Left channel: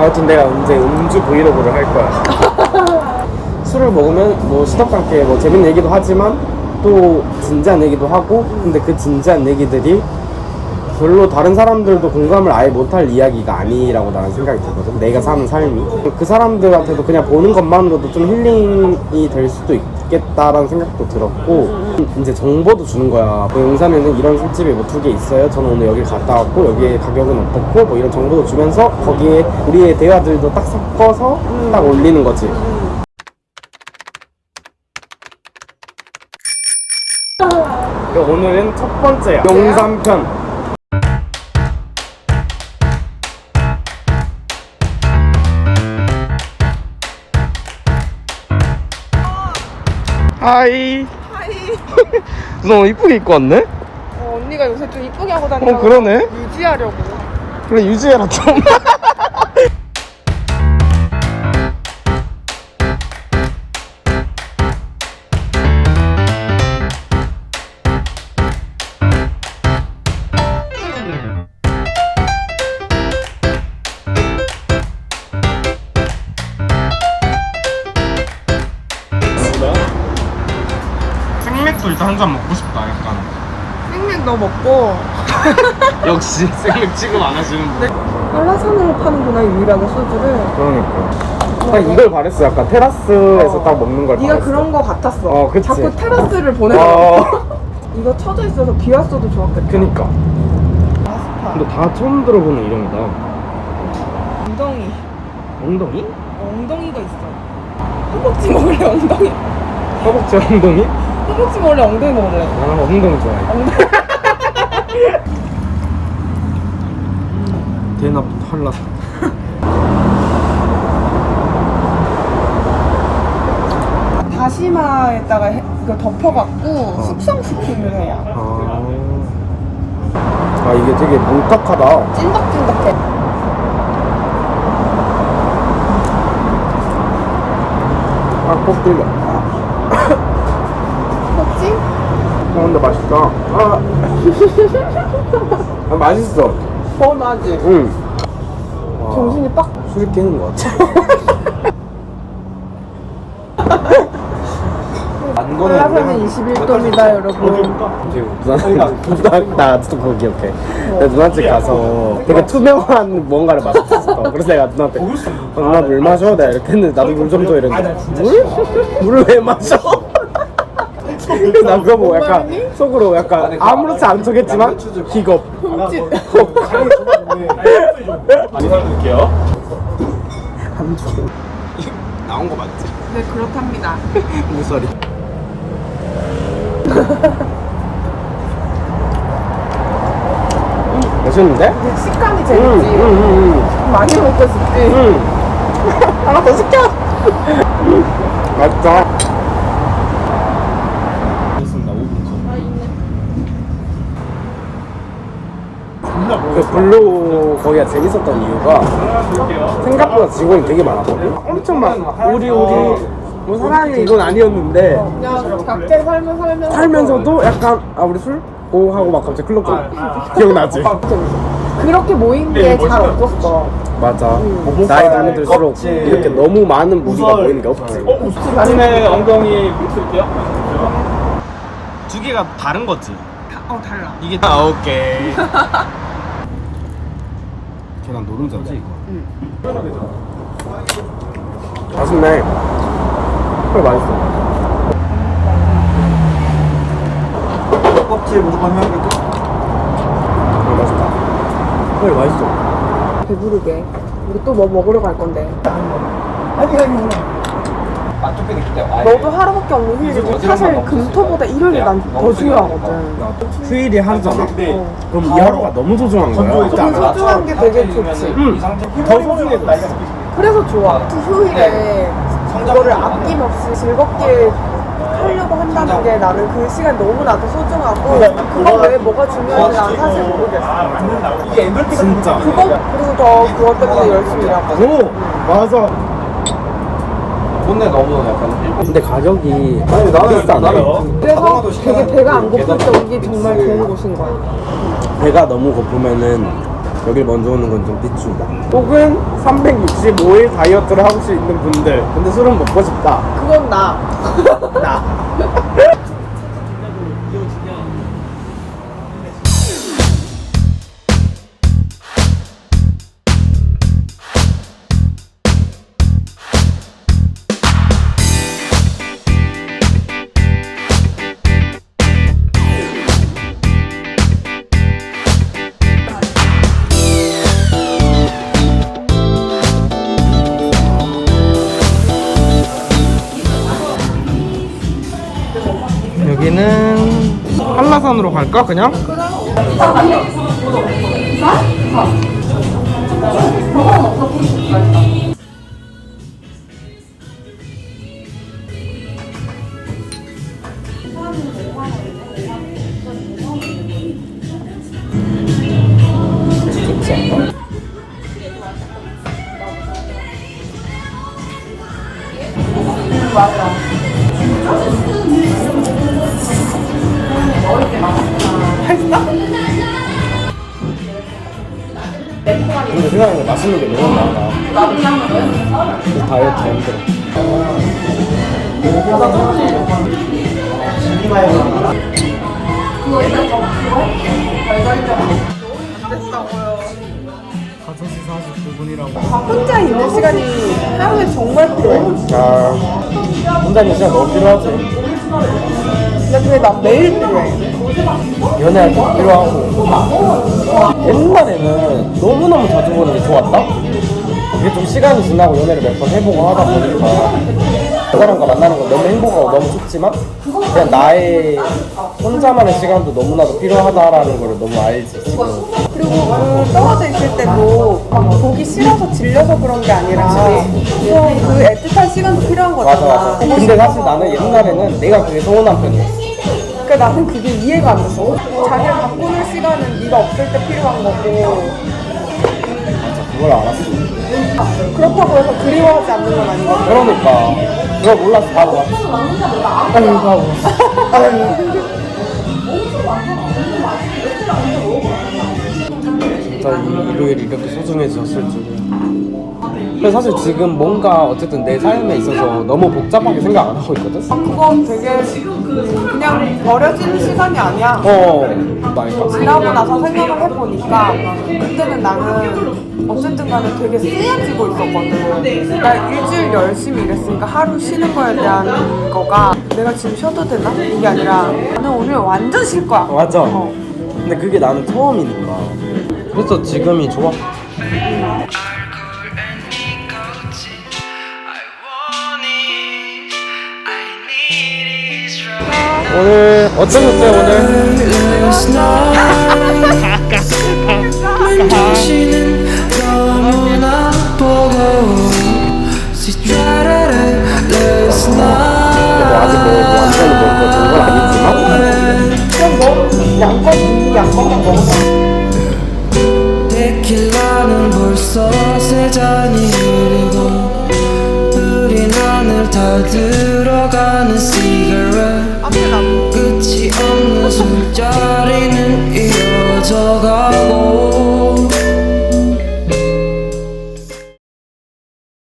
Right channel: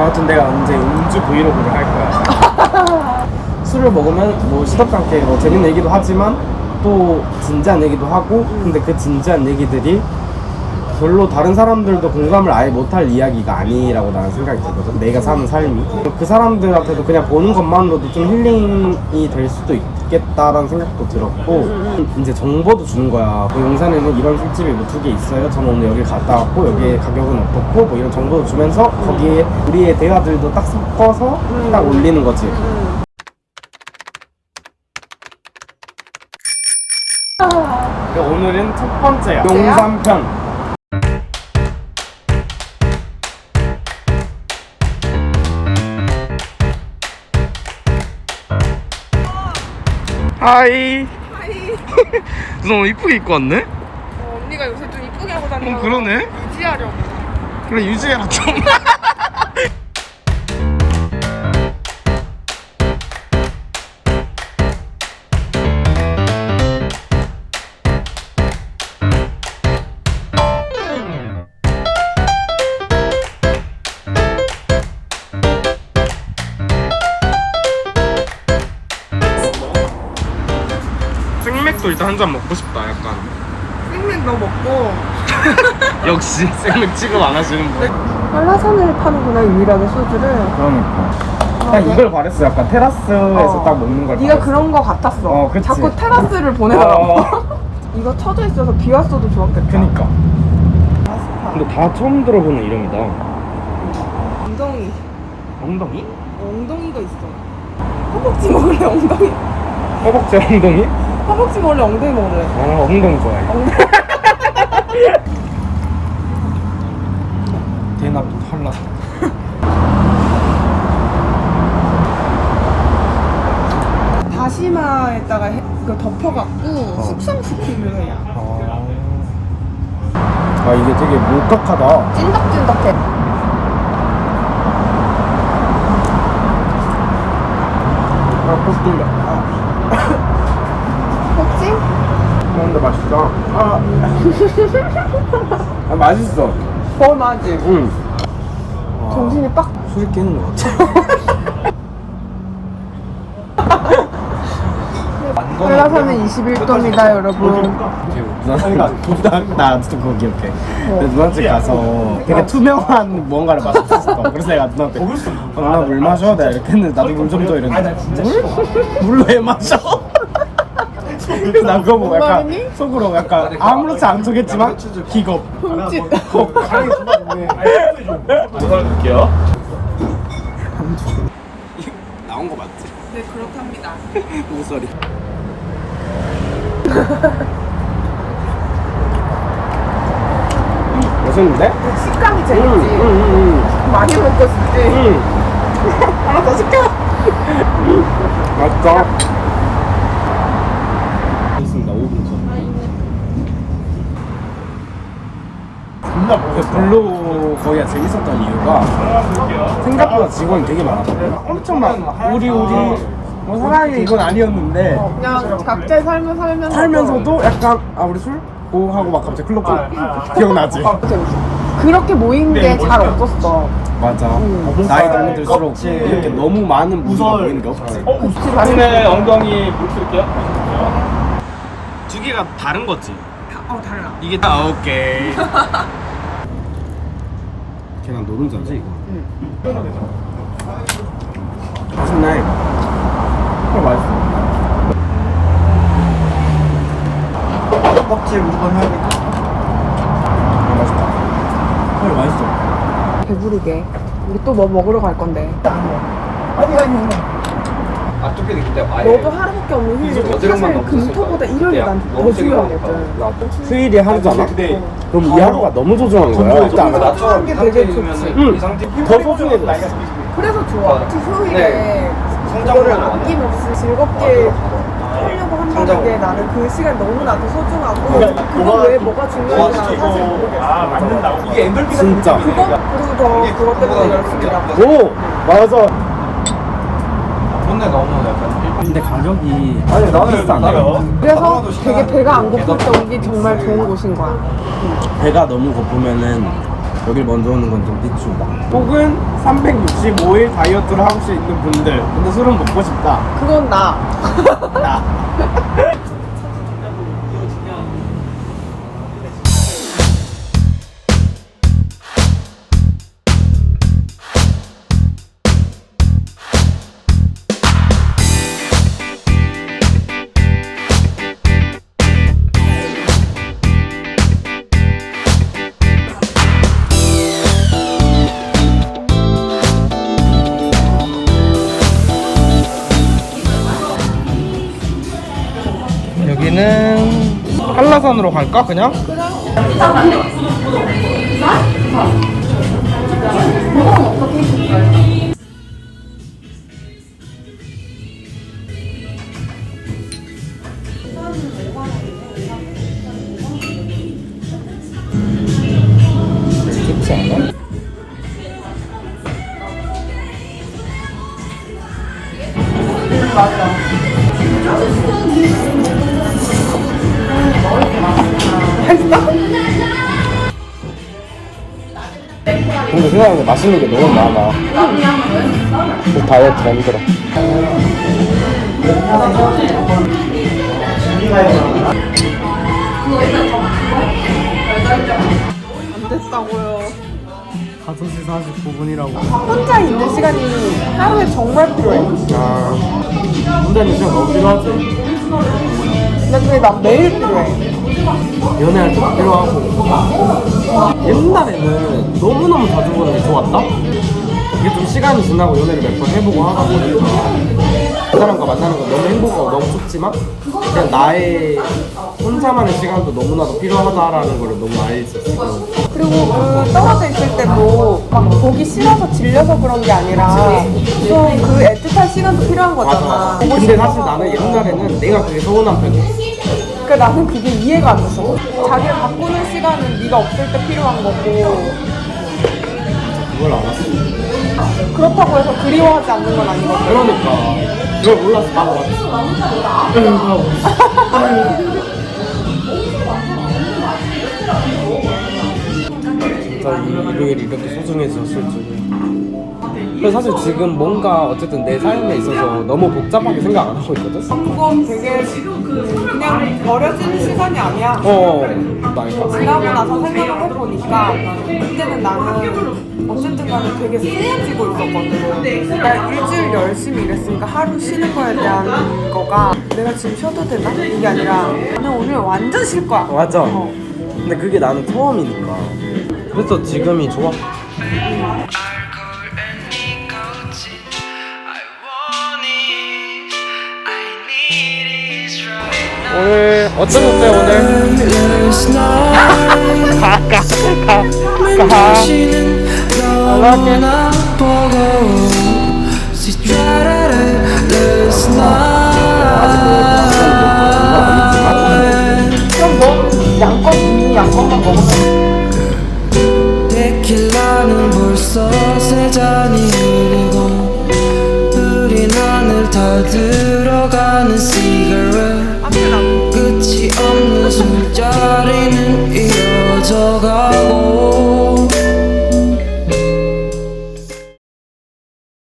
아무튼 내가 언제 음주 브이로그를 할 거야. 술을 먹으면 뭐 시덥지 않게 뭐 재밌는 얘기도 하지만 또 진지한 얘기도 하고 근데 그 진지한 얘기들이 별로 다른 사람들도 공감을 아예 못할 이야기가 아니라고 나는 생각이 들거든. 내가 사는 삶이. 그 사람들한테도 그냥 보는 것만으로도 좀 힐링이 될 수도 있겠다라는 생각도 들었고, 이제 정보도 주는 거야. 뭐 용산에는 이런 술집이 뭐 두 개 있어요. 저는 오늘 여기 갔다 왔고, 여기에 가격은 어떻고, 뭐 이런 정보도 주면서 거기에 우리의 대화들도 딱 섞어서 딱 올리는 거지. 오늘은 첫 번째야. 용산편. 하이. 하이. 너 이쁘게 입고 왔네? 어, 언니가 요새 좀 이쁘게 하고 다녀. 어 그러네. 유지하려고. 그래 유지해라 좀. 생맥도 일단 한 잔 먹고 싶다 약간. 생맥 너 먹고 역시 생맥 취급 안 하시는 분. 한라산으로 파는구나 유일하게 소주를. 그러니까. 딱 이걸 바랬어. 약간 테라스에서 딱 먹는 걸 네가 바랬어. 그런 거 같았어. 어, 그치. 자꾸 테라스를 보내라. 어. 이거 쳐져 있어서 비 왔어도 좋았겠다. 그니까. 아스파. 근데 다 처음 들어보는 이름이다. 엉덩이. 엉덩이? 어, 엉덩이가 있어. 허벅지 먹을래 엉덩이. 허벅지 엉덩이? 허벅지 먹을래 엉덩이 먹을래. 아, 엉덩이 좋아해. 엉덩이. 대납 한라. 다시마에다가 해, 그 덮어갖고 숙성시키는 거야. 아, 이게 되게 뭉떡하다. 찐덕찐덕해. 아, 꼭 들려. 근데 맛있다. 아. 아, 맛있어. 뭘 맞지? 응. 와, 정신이 빡. 술이 깨는 것 같아. 한라산은 21도입니다, 여러분. 부산, 부산, 나도 그거 기억해. 내가 누나집 가서 되게 투명한 무언가를 마셨었어. 그래서 내가 누나한테, 어, 누나 물 마셔? 내가 이렇게 했는데, 나도 물좀 줘. 이랬는데, 물? 물을 왜 마셔? 나 그거 보고 약간 속으로 약간 아무렇지 않은 척했지만 기겁. 혹. 한주 나온 거 맞지? 네, 그렇답니다. 무소리. 맛있는데? 식감이 응, 재밌지. 응, 응, 많이 먹었었지. 응. 응. 하나 더 시켜. 음, 맛있다. 그 블루 거기가 재밌었던 이유가 생각보다 직원이 되게 많았거든. 엄청 막 우리 우리 뭐 사랑해 이건 아니었는데 그냥 각자의 삶을 살면서 살면서도 약간 아 우리 술? 오 하고 막 갑자기 클럽 가 기억나지? 그렇게 모인 게 잘 없었어. 맞아 나이 들면 들수록 이렇게 너무 많은 무리가 모이는 게 없지 사진에 엉덩이 붙일게요. 두 개가 다른 거지? 어, 달라. 이게 아 오케이 계란 노른자지 이거? 응 맛있네 헐 맛있어 껍질 무조건 해야겠다. 아 맛있다 헐 맛있어 배부르게. 우리 또 뭐 먹으러 갈 건데. 아 뚝배기 그때 아예. 너도 하루밖에 없는 휴일인데 어디로 사실 금토보다 일요일이 난 더 너무 중요하거든. 휴일이 하루잖아? 근데 그럼 이 하루가 너무 소중한 거야 알아? 소중한 게 되게 좋지. 응. 더 소중해 보였어 그래서 좋아. 휴일에 이거를 아낌없이 즐겁게 하려고 한다는 게 나는 그 시간 너무 나도 소중하고 그거 외에 뭐가 중요한지 난 사실 모르겠어. 이게 엔돌핀 진짜 그리고 더 그것 때문에 열심히 일하고. 오 맞아 본네 너무 약간 일본 근데 가격이 비싸네 그래서 되게 배가 안 고플 때 오기 정말 좋은 곳인 거야. 배가 너무 고프면은 여길 먼저 오는 건좀 비추다. 혹은 365일 다이어트를 하고 수 있는 분들. 근데 술은 먹고 싶다. 그건 나. 나. 한라산으로 갈까 그냥? 않 근데 세상에 맛있는 게 너무 많아. 그래서 힘들어. 됐다고요. 5시 49분이라고. 혼자 있는 시간이 하루에 정말 필요해. 아, 혼자 있는 시간 너무 필요하지. 근데 그게 난 매일 필요해. 연애할 때도 필요하고. 옛날에는 너무너무 자주 보는 게 좋았다? 이게 좀 시간이 지나고 연애를 몇 번 해보고 하다 보니까 그 사람과 만나는 건 너무 행복하고 너무 좋지만 그냥 나의 혼자만의 시간도 너무나도 필요하다라는 걸 너무 알지 지금 그리고 그 떨어져 있을 때도 막 보기 싫어서 질려서 그런 게 아니라 좀그 애틋한 시간도 필요한 거잖아. 맞아 맞아 근데 사실 나는 옛날에는 내가 그게 서운한 편이었어 그러니까 나는 그게 이해가 안 됐어. 자기를 바꾸는 시간은 네가 없을 때 필요한 거고. 맞아 그걸 알았어. 그렇다고 해서 그리워하지 않는 건 아니거든. 그러니까. 그걸 몰라서 바로 왔어 아유 진짜 이 일요일이 이렇게 소중해졌을 줄이 야 근데 사실 지금 뭔가 어쨌든 내 삶에 있어서 너무 복잡하게 생각 안 하고 있거든? 그거 되게 그냥 버려지는 시간이 아니야. 어 말까 지나고 나서 생각을 해보니까 그때는 나는 어쨌든 간에 되게 쓰여지고 있었거든. 나 일주일 열심히 일했으니까 하루 쉬는 거에 대한 거가 내가 지금 쉬어도 되나? 이게 아니라 나는 오늘 완전 쉴 거야. 맞아 어. 근데 그게 나는 처음이니까 그래서 지금이 좋아 오늘 오늘? 이 양껏만 먹으면 데킬라는 벌써 세 잔이 흐르고 흐린 하늘 다 들어가는